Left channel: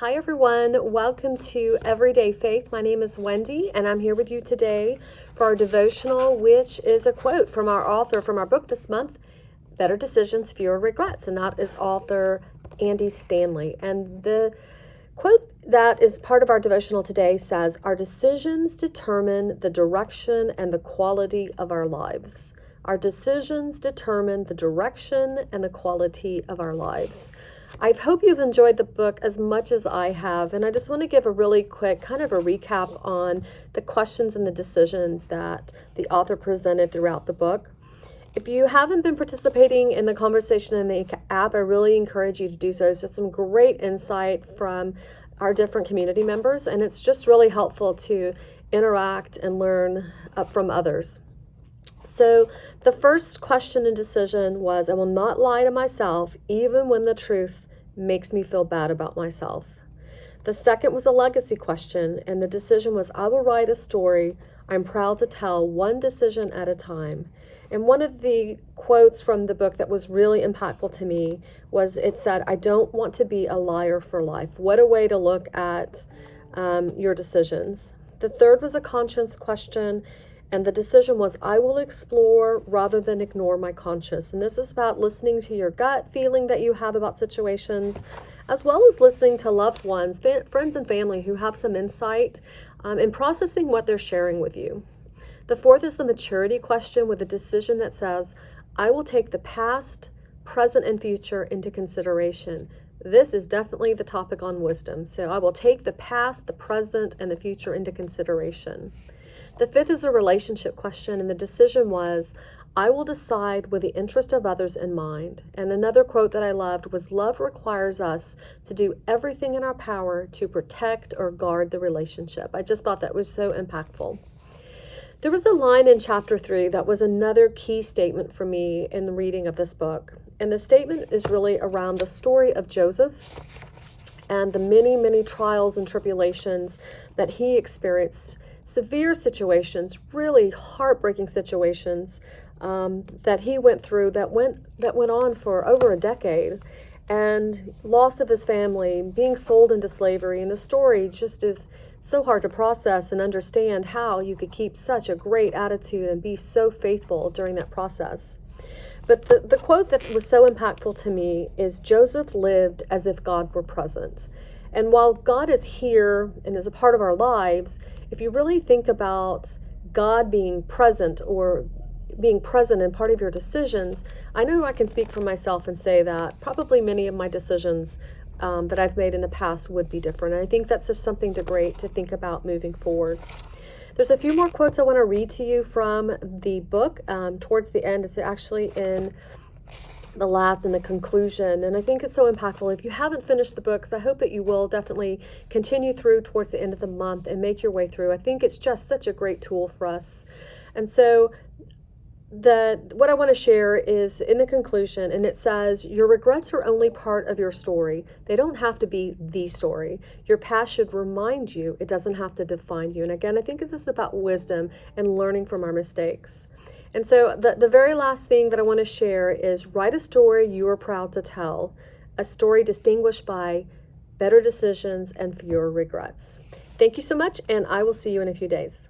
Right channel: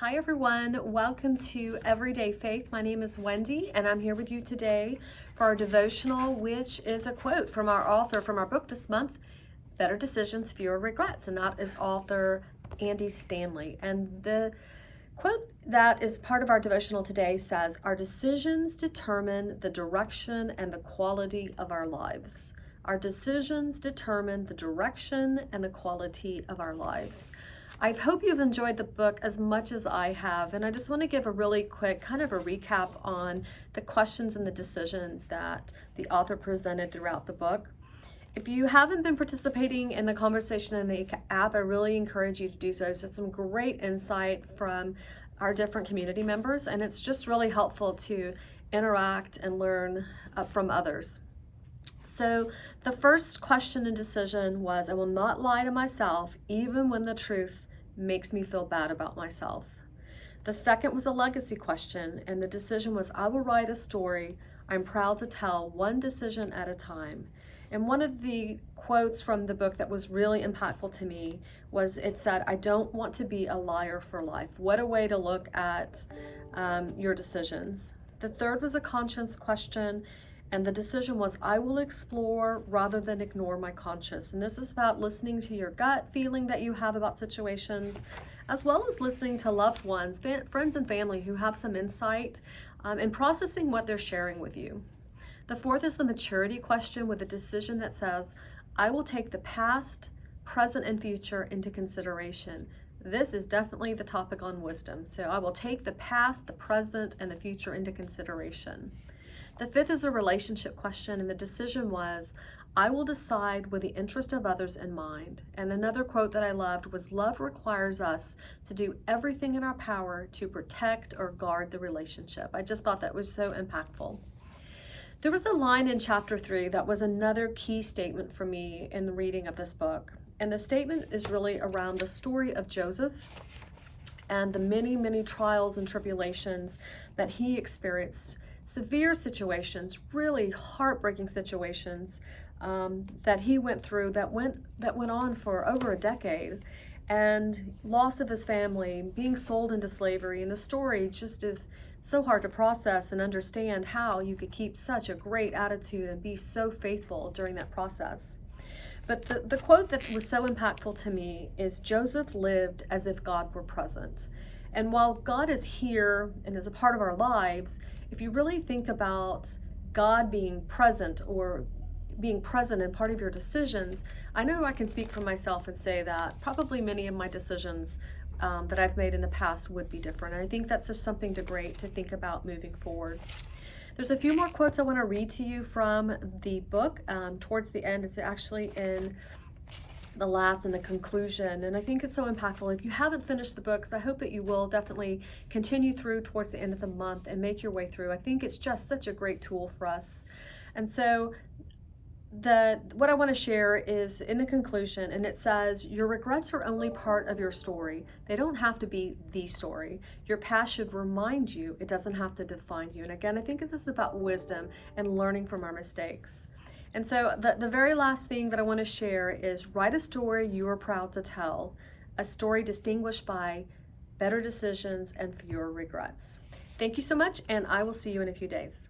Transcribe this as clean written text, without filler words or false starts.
Hi everyone, welcome to Everyday Faith. My name is Wendy and I'm here with you today for our devotional, which is a quote from our author from our book this month, Better Decisions, Fewer Regrets, and that is author Andy Stanley. And the quote that is part of our devotional today says, "Our decisions determine the direction and the quality of our lives." Our decisions determine the direction and the quality of our lives. I hope you've enjoyed the book as much as I have, and I just want to give a really quick kind of a recap on the questions and the decisions that the author presented throughout the book. If you haven't been participating in the conversation in the app, I really encourage you to do so. It's just some great insight from our different community members, and it's just really helpful to interact and learn from others. So the first question and decision was, I will not lie to myself even when the truth makes me feel bad about myself. The second was a legacy question, and the decision was, I will write a story I'm proud to tell, one decision at a time. And one of the quotes from the book that was really impactful to me was, it said, I don't want to be a liar for life. What a way to look at your decisions. The third was a conscience question, and the decision was, I will explore rather than ignore my conscience. And this is about listening to your gut feeling that you have about situations, as well as listening to loved ones, friends and family who have some insight and processing what they're sharing with you. The fourth is the maturity question with a decision that says, I will take the past, present, and future into consideration. This is definitely the topic on wisdom. So I will take the past, the present, and the future into consideration. The fifth is a relationship question, and the decision was, I will decide with the interest of others in mind. And another quote that I loved was, love requires us to do everything in our power to protect or guard the relationship. I just thought that was so impactful. There was a line in chapter 3 that was another key statement for me in the reading of this book. And the statement is really around the story of Joseph and the many, many trials and tribulations that he experienced. Severe situations, really heartbreaking situations that he went through that went on for over a decade, and loss of his family, being sold into slavery. And the story just is so hard to process and understand how you could keep such a great attitude and be so faithful during that process. But the quote that was so impactful to me is, Joseph lived as if God were present. And while God is here and is a part of our lives, if you really think about God being present or being present in part of your decisions, I know I can speak for myself and say that probably many of my decisions that I've made in the past would be different. And I think that's just something great to think about moving forward. There's a few more quotes I want to read to you from the book towards the end. It's actually in the last and the conclusion, and I think it's so impactful. If you haven't finished the books, I hope that you will definitely continue through towards the end of the month and make your way through. I think it's just such a great tool for us. And so what I want to share is in the conclusion, and it says, your regrets are only part of your story. They don't have to be the story. Your past should remind you. It doesn't have to define you. And again, I think this is about wisdom and learning from our mistakes. And so the very last thing that I want to share is, write a story you are proud to tell, a story distinguished by better decisions and fewer regrets. Thank you so much, and I will see you in a few days.